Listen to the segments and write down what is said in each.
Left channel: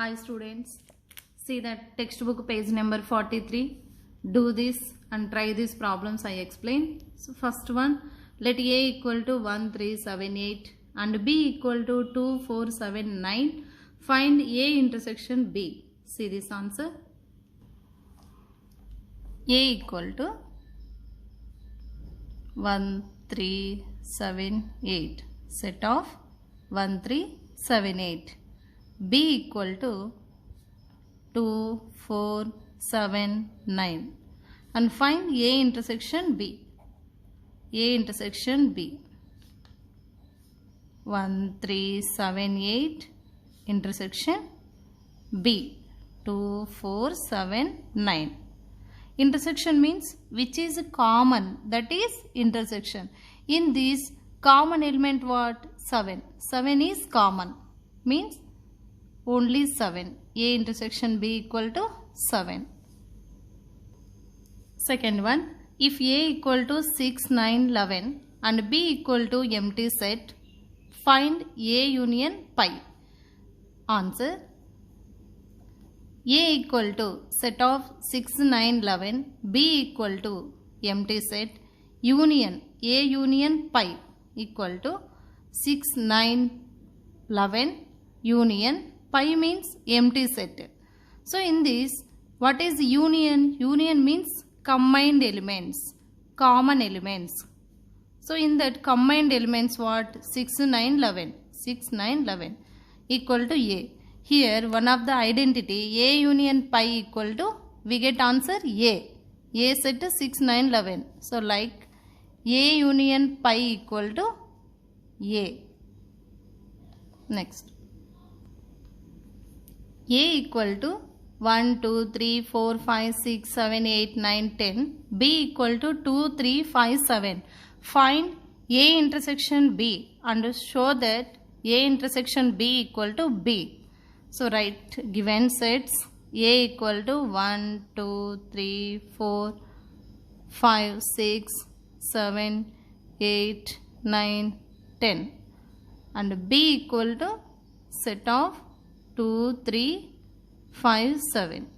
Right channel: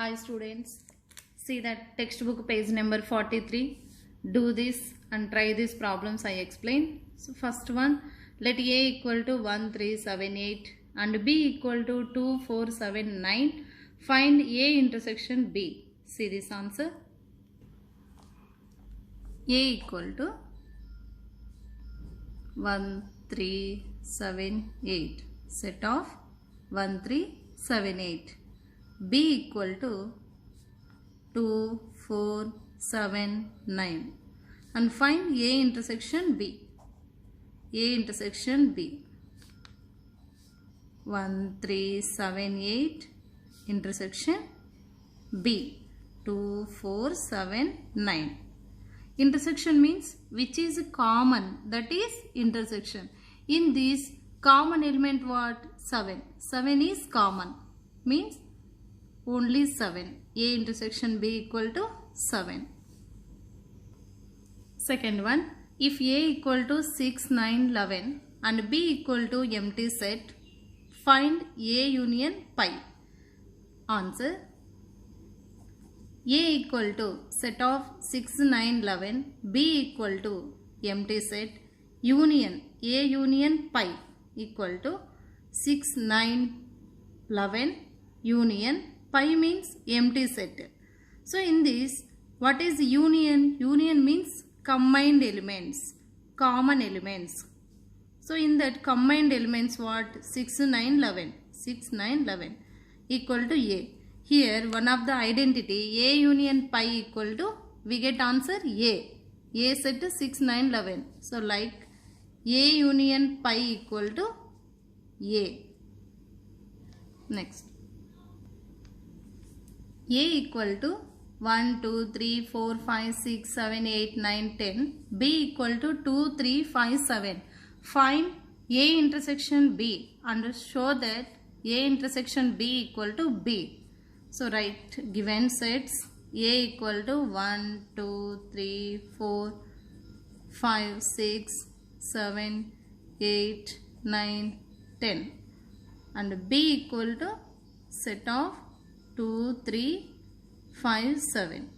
Hi students, see that textbook page number 43. Do this and try these problems I explain. So first one, let A equal to 1378 and B equal to 2479. Find A intersection B. See this answer. A equal to 1378, set of 1378. B equal to 2479 and find A intersection B. A intersection B. 1378 intersection B. 2479. Intersection means which is common, that is intersection. In this common element what? 7. 7 is common, means only 7. A intersection B equal to 7. Second one, if A equal to 6, 9, 11 and B equal to empty set, find A union pi. Answer, A equal to set of 6, 9, 11, B equal to empty set, union A union pi equal to 6, 9, 11 union pi means empty set. So in this, what is union? Union means combined elements, common elements. So in that combined elements what? 6, 9, 11. 6, 9, 11 equal to A. Here one of the identity A union pi equal to, we get answer A. A set 6, 9, 11. So like A union pi equal to A. Next. A equal to 1, 2, 3, 4, 5, 6, 7, 8, 9, 10. B equal to 2, 3, 5, 7. Find A intersection B and show that A intersection B equal to B. So write given sets A equal to 1, 2, 3, 4, 5, 6, 7, 8, 9, 10 and B equal to set of 2, 3, 5, 7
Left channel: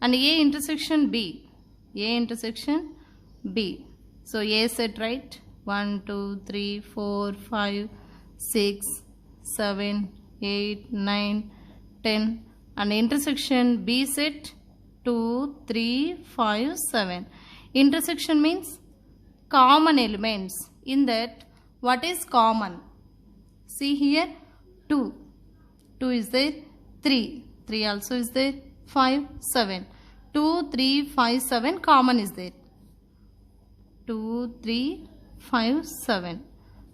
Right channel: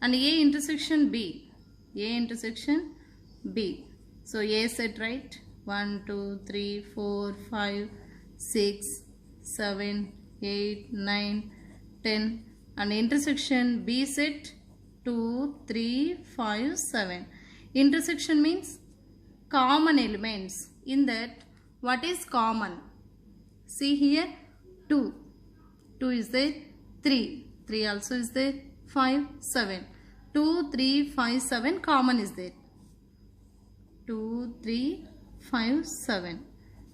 and A intersection B. A intersection B. So A set right 1, 2, 3, 4, 5, 6, 7, 8, 9, 10 and intersection B set 2, 3, 5, 7. Intersection means common elements. In that, what is common? See here 2. 2 is there, 3. 3 also is there, 5, 7. 2, 3, 5, 7 common is there. 2, 3, 5, 7.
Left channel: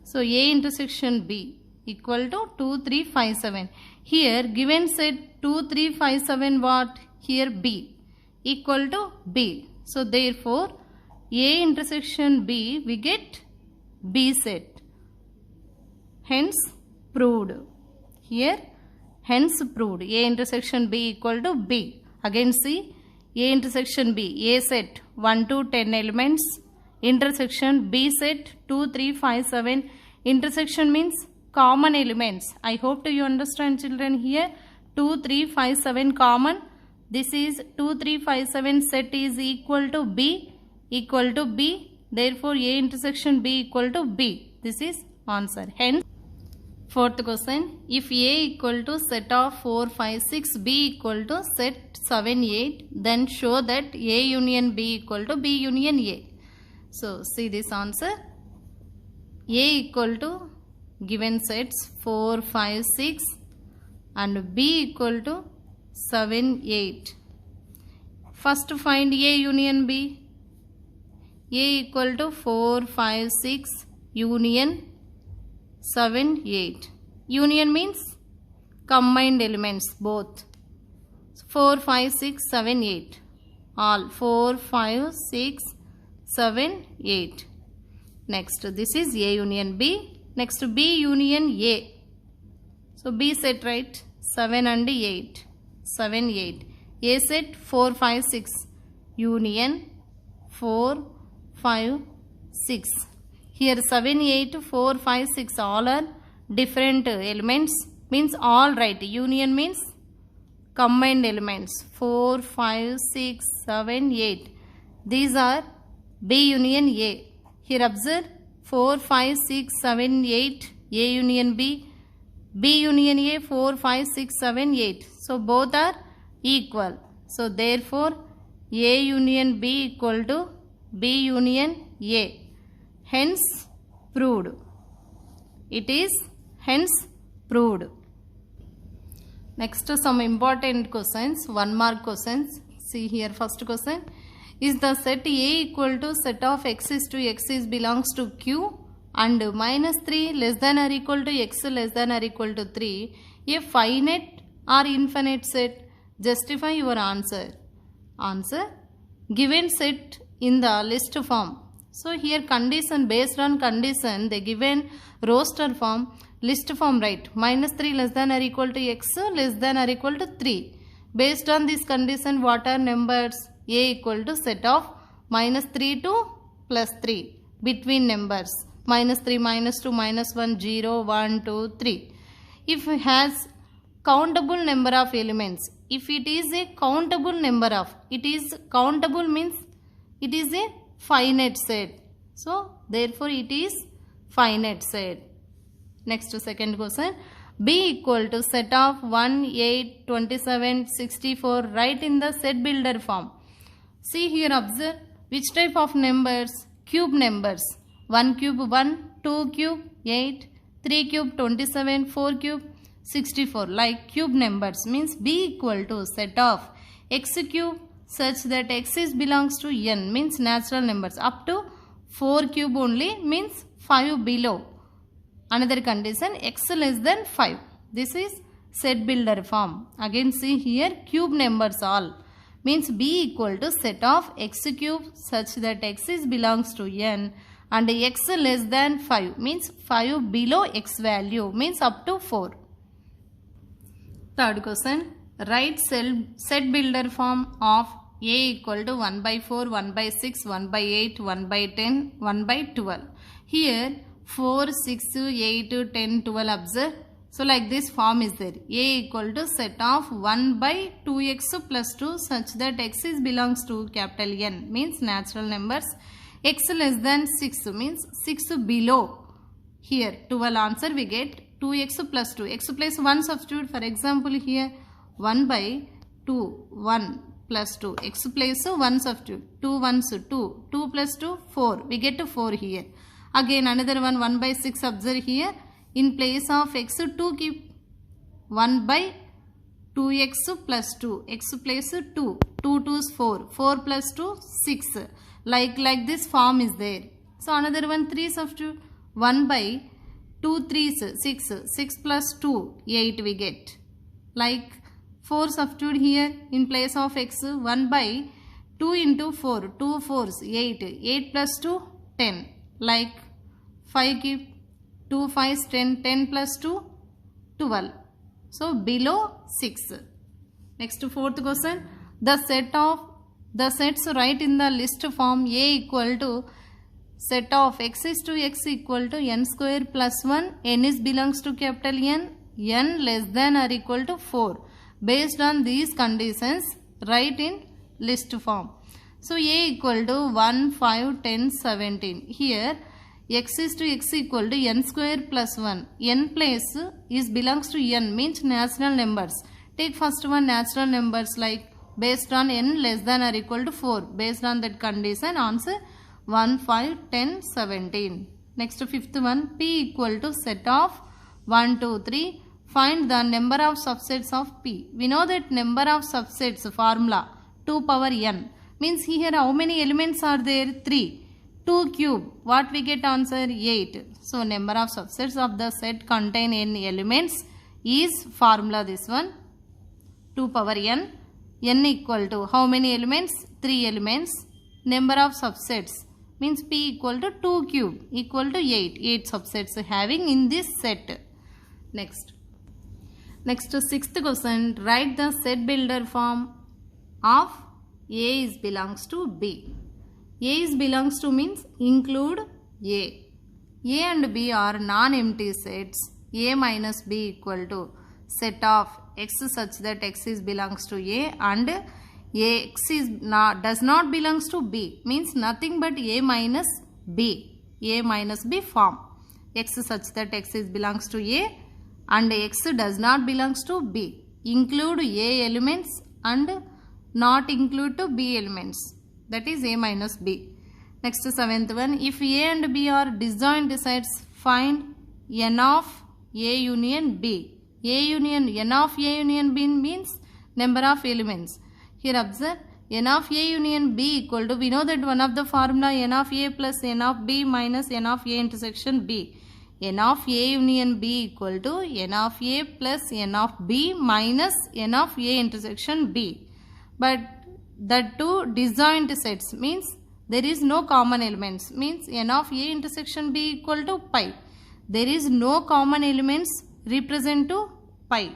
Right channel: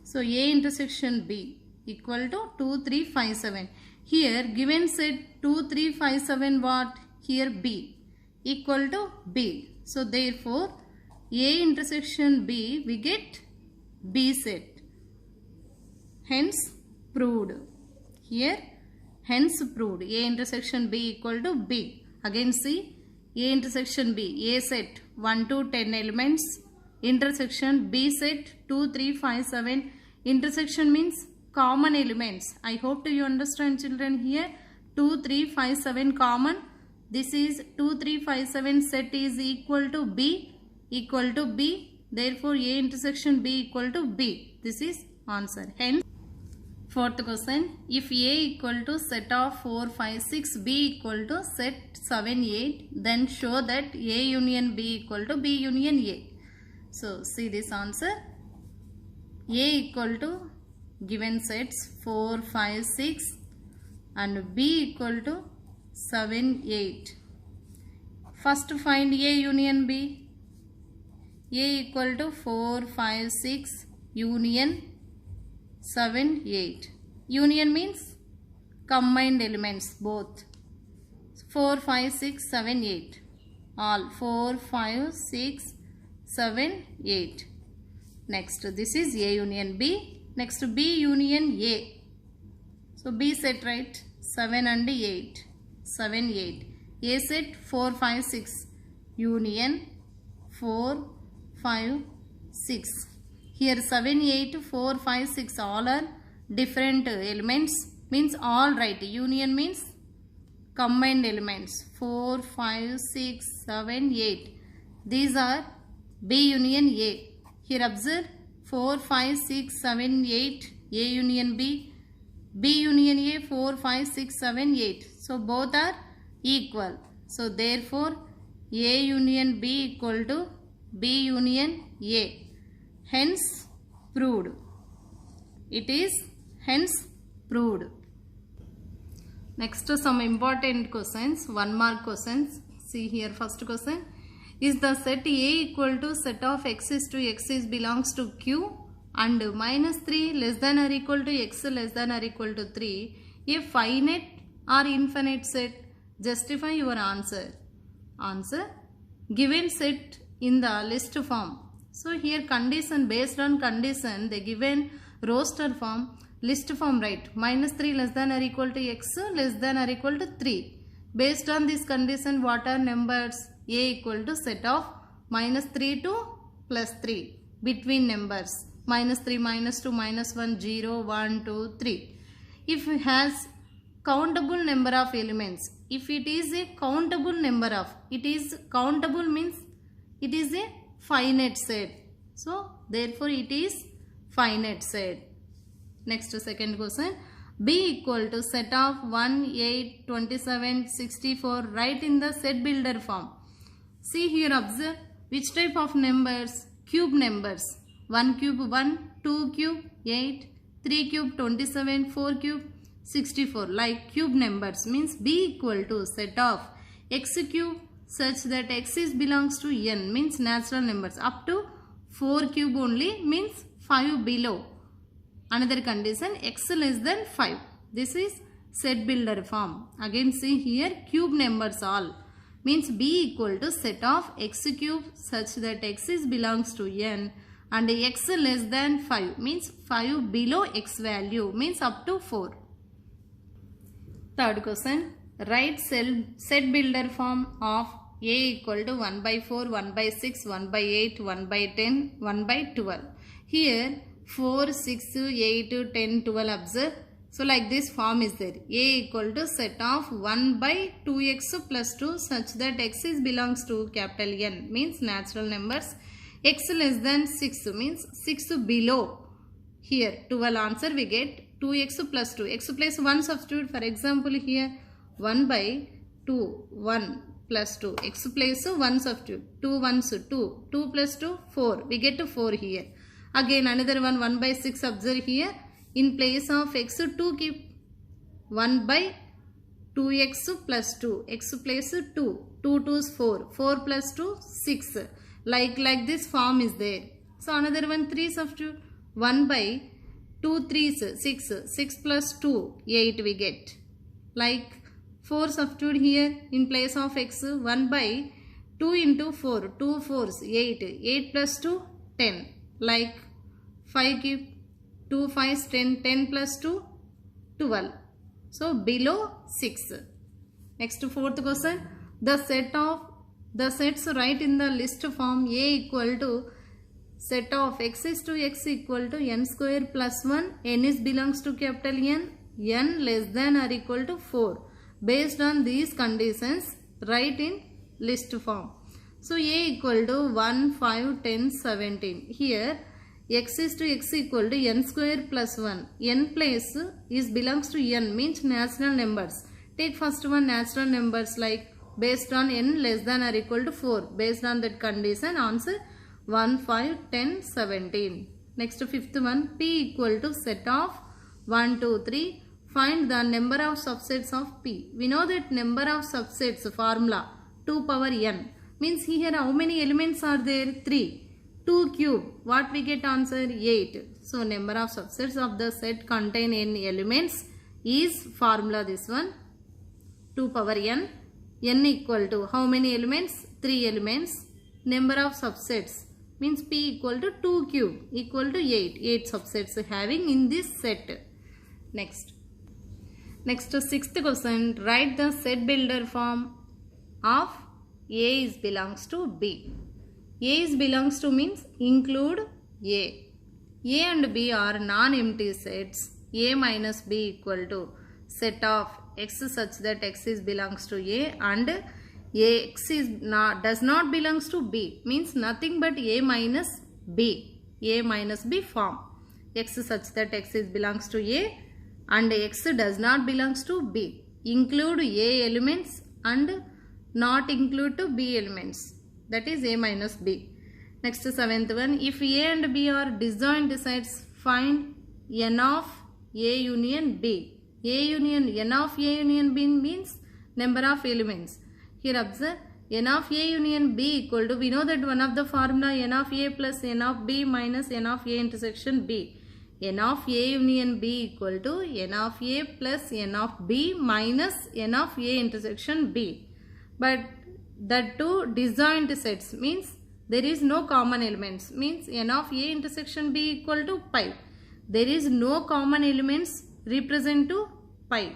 So A intersection B equal to 2, 3, 5, 7. Here given set 2, 3, 5, 7 what? Here B equal to B. So therefore A intersection B we get B set. Hence proved. Here hence proved A intersection B equal to B. Again see A intersection B. A set 1 to 10 elements. Intersection B set 2, 3, 5, 7. Intersection means common elements. I hope you understand children here. 2, 3, 5, 7 common. This is 2, 3, 5, 7 set is equal to B. Equal to B. Therefore A intersection B equal to B. This is answer. Hence fourth question, if A equal to set of 4, 5, 6, B equal to set 7, 8, then show that A union B equal to B union A. So see this answer. A equal to given sets 4, 5, 6 and B equal to 7, 8. First find A union B. A equal to 4, 5, 6 union 7, 8. Union means combined elements both. 4, 5, 6, 7, 8. All 4, 5, 6, 7, 8. Next this is A union B. Next B union A. So B set right 7 and 8. 7, 8. A set 4, 5, 6. Union 4, 5, 6. Here 7, 8, 4, 5, 6 all are different elements, means all right. Union means combined elements 4, 5, 6, 7, 8. These are B union A. Here observe 4, 5, 6, 7, 8. A union B. B union A 4, 5, 6, 7, 8. So both are equal. So therefore A union B equal to B union A. Hence proved. It is hence proved. Next some important questions, 1 mark questions. See here first question. Is the set A equal to set of x is to x is belongs to Q and minus 3 less than or equal to x less than or equal to 3 a finite or infinite set? Justify your answer. Answer: given set in the list form. So here condition, based on condition they given roster form, list form, right? Minus 3 less than or equal to x less than or equal to 3. Based on this condition, what are numbers? A equal to set of minus 3 to plus 3 between numbers. Minus 3, minus 2, minus 1, 0, 1, 2, 3. If it has countable number of elements, if it is a countable number of, it is countable means it is a finite set. So therefore it is finite set. Next second question. B equal to set of 1, 8, 27, 64. Write in the set builder form. See here observe which type of numbers? Cube numbers. 1 cube 1, 2 cube 8, 3 cube 27, 4 cube 64. Like cube numbers means B equal to set of x cube such that x is belongs to n means natural numbers up to 4 cube only means 5 below. Another condition x less than 5. This is set builder form. Again see here cube numbers all means B equal to set of x cube such that x is belongs to n and x less than 5 means 5 below x value means up to 4. Third question. Write set builder form of A equal to 1 by 4, 1 by 6, 1 by 8, 1 by 10, 1 by 12. Here 4, 6, 8, 10, 12 observe. So like this form is there. A equal to set of 1 by 2x plus 2 such that x is belongs to capital N means natural numbers. X less than 6 means 6 below. Here 12 answer we get 2x plus 2. X plus 1 substitute. For example here 1 by 2, 1 plus 2. X plus 1 substitute. 2 ones 2. 2 plus 2 4. We get to 4 here. Again another one 1 by 6 observe here. In place of x 2 keep 1 by 2x plus 2. X plus 2. 2 2's 4. 4 plus 2 6. Like this form is there. So another one 3 substitute. 1 by 2 3's 6. 6 plus 2 8 we get. Like 4 substitute here in place of x 1 by 2 into 4. 2 4's 8. 8 plus 2 10. Like 5 keep 2 5's 10. 10 plus 2 12. So below 6. Next fourth question. The sets write in the list form. A equal to set of x is to x equal to n square plus 1. N is belongs to capital N. N less than or equal to 4. Based on these conditions write in list form. So A equal to 1, 5, 10, 17. Here x is to x equal to n square plus 1. N place is belongs to n means natural numbers. Take first one natural numbers like based on n less than or equal to 4. Based on that condition answer 1, 5, 10, 17. Next fifth one P equal to set of 1, 2, 3. Find the number of subsets of P. We know that number of subsets formula 2 power n means here how many elements are there? 3. 2 cube. What we get answer? 8. So number of subsets of the set contain n elements is formula this one 2 power n. N equal to how many elements? 3 elements. Number of subsets means P equal to 2 cube equal to 8. 8 subsets having in this set. Next sixth question. Write the set builder form of A is belongs to B. A is belongs to means include A. A and B are non-empty sets. A minus B equal to set of x such that x is belongs to A and x is not does not belongs to B, means nothing but A minus B form. X such that x is belongs to A and x does not belongs to B. Include A elements and not include to B elements, that is A minus B. Next, seventh one, if A and B are disjoint sets, find n of A union B. N of A union B means number of elements. Here observe, n of A union B equal to, we know that one of the formula n of A plus n of B minus n of A intersection B. N of A union B equal to n of A plus n of B minus n of A intersection B. But the two disjoint sets means there is no common elements, means n of A intersection B equal to pi. There is no common elements represent to pi.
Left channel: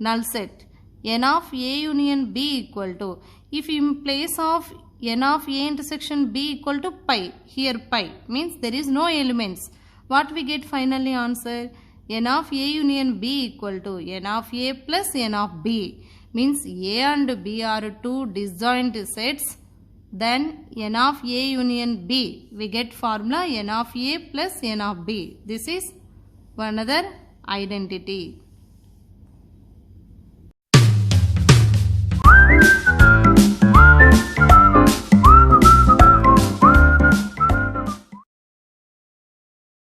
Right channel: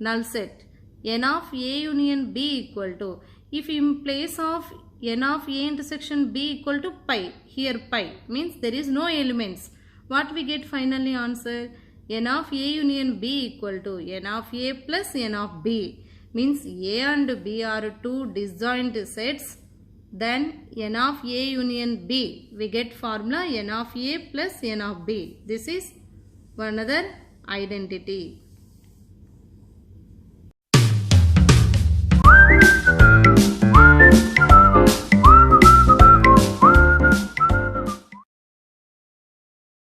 Null set. N of A union B equal to, if in place of n of A intersection B equal to pi, here pi means there is no elements. What we get finally answer? N of A union B equal to n of A plus n of B, means A and B are two disjoint sets. Then n of A union B, we get formula n of A plus n of B. This is another identity.